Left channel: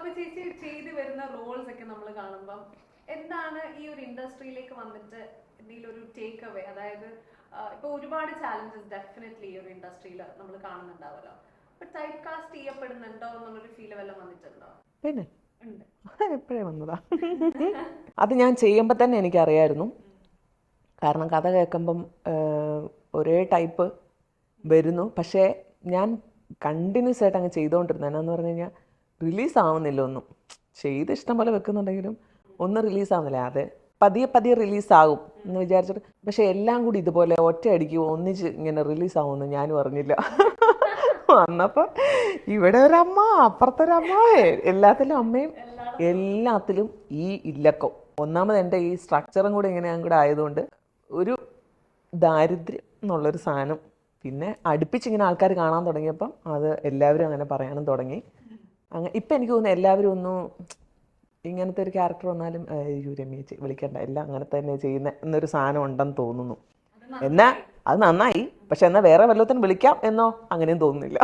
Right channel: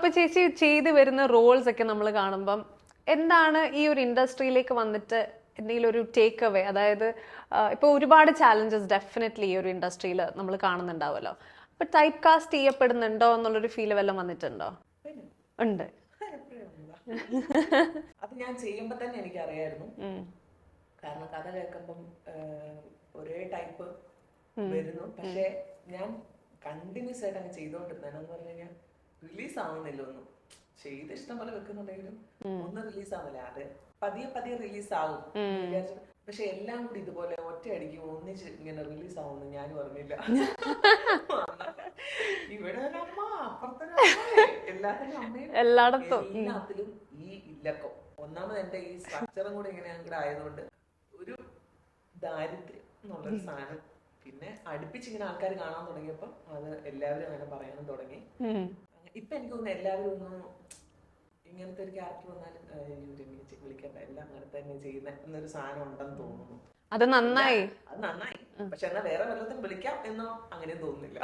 അപ്പൊ ചേച്ചി ചെയ്ത് വരുന്ന റോൾസ് ഒക്കെ നമ്മൾ കാണുമ്പം എന്താണ് ഈ ഒരു ഇൻഡസ്ട്രിയിലേക്ക് വന്നിട്ട് എന്തെങ്കിലും ഒരു ടേക്ക് അവേ, അതായത് ഇപ്പൊ ഒരുപാട് ചാലഞ്ചസ് ഡെഫിനറ്റ്ലി ഈ ഒരു ഇൻഡസ്ട്രിയിൽ നമ്മൾ കാണുന്നുണ്ടാവുമല്ലോ. അപ്പൊ ടൈപ്പ് കാസ്റ്റ് ചെയ്യപ്പെടുന്നുണ്ടോ എന്നുള്ളൊരു ഫീൽ വല്ലതും വന്നിട്ടുണ്ടോ? പിന്നെ ഉണ്ട്. എപ്പോഴേ വന്നതാ. അത് ഞാൻ ചെയ്യുമ്പോൾ തന്നെ എനിക്കറിയായിരുന്നു. കാരണം കഥ കേൾക്കുമ്പം ഒരേ ടൈപ്പ് വരുന്നു. പക്ഷേ ഞാൻ കണ്ടിന്യൂസ് ആയിട്ട് അങ്ങ് ചെയ്തുകൊണ്ടിരുന്നത് എന്നാന്ന് പറഞ്ഞു കഴിഞ്ഞാൽ റിലീസ് ആവുന്നില്ല ഒന്നും. ചെയ്ത് ഇഷ്ടം പോലെ വെക്കുന്നുണ്ടെങ്കിലും ഒന്നും റിലീസ് ആവുന്നില്ല. അത് പതിയെ പതിയെ റിലീസാകും എന്ന് വിചാരിച്ചിട്ട്, പക്ഷെ എല്ലാം കൂടി ഇതുപോലെ ഒറ്റയടിക്ക് ഒന്നിച്ച് ഇങ്ങനെ റിലീസ് ആവുമെന്ന് ഞാനും അറിഞ്ഞില്ല. വന്നപ്പോ ഇവിടെ ഒരമ്മ, അപ്പുറത്തൊരമ്മ, എല്ലാത്തിലും അമ്മയും, എല്ലാത്തിലും ഈ ഇല്ലക്കം. ഒന്നാമത് എൻ്റെ ഈ സ്ട്രക്ചറും കൂടെ ഇങ്ങനെ കൂടെ ആയതുകൊണ്ട് ഒരു ദാരിദ്ര്യം എന്നുള്ളൊരു സാധനം. പിന്നെ അടുപ്പിച്ചിങ്ങനെ ആൾക്കാർ കാണാൻ തുടങ്ങിയപ്പം അത് എല്ലാവരും അങ്ങനെ പറയാനും തുടങ്ങി. അങ്ങനെ ഇപ്പം എനിക്ക് തോന്നുന്നു എല്ലാവരും ഒന്നും ഇങ്ങനത്തെ ഒരു ക്യാരക്ടർ വന്നാലും രമ്യ വിളിക്കണ്ട, എല്ലാം അങ്ങനെ തന്നെ ചെയ്യുന്ന എന്നൊരു സാധനം ഉണ്ടെന്ന് തോന്നുന്നു. അത് നന്നായി. പക്ഷെ എന്നാ വേറെ വല്ലത്തിനും വിളിക്കാം എന്നോ അങ്ങനെയും തോന്നുന്നില്ല.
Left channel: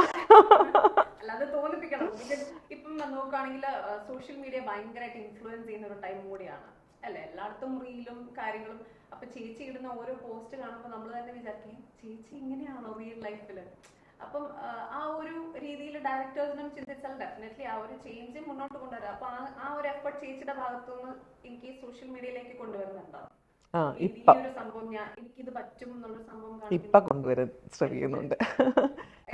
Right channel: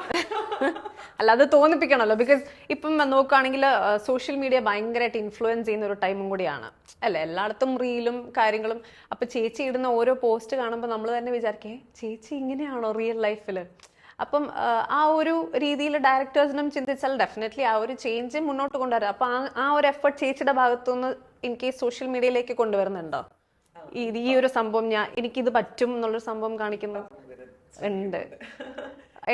അല്ല, അത് തോന്നിപ്പിക്കണമല്ലോ. ബിക്കോസ് ഇപ്പം നോക്കുകയാണെങ്കിൽ സോഷ്യൽ മീഡിയ ഭയങ്കരമായിട്ട് ഇൻഫ്ലുവൻസ് ചെയ്യുന്ന ഒരു ടൈമും കൂടിയാണ് അല്ലേ. എല്ലായിടത്തും റീലും കാര്യങ്ങളും. അപ്പൊ ചേച്ചി ഇടുന്ന ഓരോ പോസ്റ്റ് കാണുമ്പോൾ നമ്മൾ തന്നെ വിചാരിക്കേ, ചേച്ചി ഇങ്ങനെയാണോ റിയൽ ലൈഫിൽ? അപ്പം ആ ഒരു രീതിയിൽ ഡയറക്ടേഴ്സിനും ചിന്തിച്ചാൽ ഡെഫിനറ്റ്ലി ആ ഒരു ചേഞ്ച് മുന്നോട്ട് കൊണ്ടുവരാം. അപ്പൊ ആ ഒരു എഫർട്ട് ചേച്ചിയുടെ ഭാഗത്തുനിന്ന് ഇൻ കേസ് സോഷ്യൽ മീഡിയയിലേക്ക് കൊണ്ടുവരുന്നുണ്ടോ? ഈ ഒരു സംഭവം എനിക്കിത് പറ്റും എന്നുള്ളൊരു സംഭവം ശ്രമിക്കുന്നുണ്ട്.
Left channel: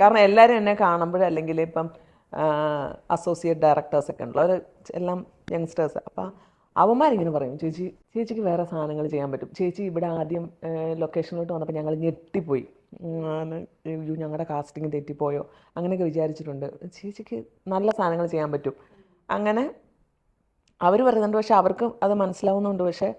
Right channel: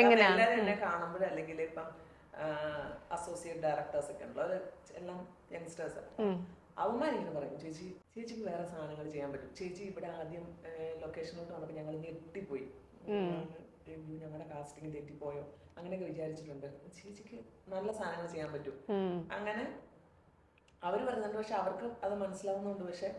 കാരണം എല്ലാരും എന്നെ കാണുമ്പോഴും, അല്ലെങ്കിൽ ഇപ്പം അസോസിയേറ്റ് ഡയറക്ടേഴ്സ് ഒക്കെ ഉണ്ടല്ലോ, അവർ എല്ലാം യങ്സ്റ്റേഴ്സ്. അപ്പം അവന്മാരിങ്ങനെ പറയും, ചേച്ചിക്ക് വേറെ സാധനങ്ങൾ ചെയ്യാൻ പറ്റും. ചേച്ചി ഇവിടെ ആദ്യം ലൊക്കേഷനിലോട്ട് വന്നപ്പോൾ ഞങ്ങൾ ഞെട്ടിപ്പോയി, ഞങ്ങളുടെ കാസ്റ്റിംഗ് തെറ്റിപ്പോയോ അങ്ങനെയൊക്കെ വിചാരിച്ചിട്ടുണ്ട്. ചേച്ചിക്ക് നല്ല സാധനങ്ങൾ ചെയ്യാൻ പറ്റും അങ്ങനെ അവർ പറയുന്നുണ്ട്. പക്ഷെ അവർക്ക് അത് മനസ്സിലാവുന്നുണ്ട്. പക്ഷെ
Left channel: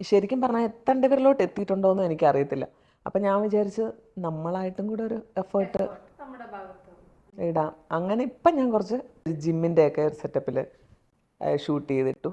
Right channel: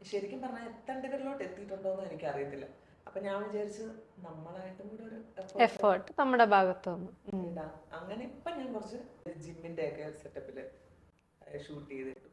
ശരിക്കും പറഞ്ഞാൽ എത്തേണ്ടവരിലോട്ട് എത്തിയിട്ടുണ്ടോ എന്ന് എനിക്കറിയത്തില്ല. അപ്പം ഞാൻ വിചാരിച്ച് നമ്മളായിട്ടും കൂടെ ഒരു എഫേർട്ട് നമ്മുടെ ഭാഗത്തുനിന്ന് ഇടാം. അങ്ങനെ ഇപ്പം ഞാൻ കുറച്ച് ജിമ്മിൻ്റെ ഒക്കെ ഒരു സെറ്റപ്പിൽ ഷൂട്ട് ചെയ്തിട്ടു.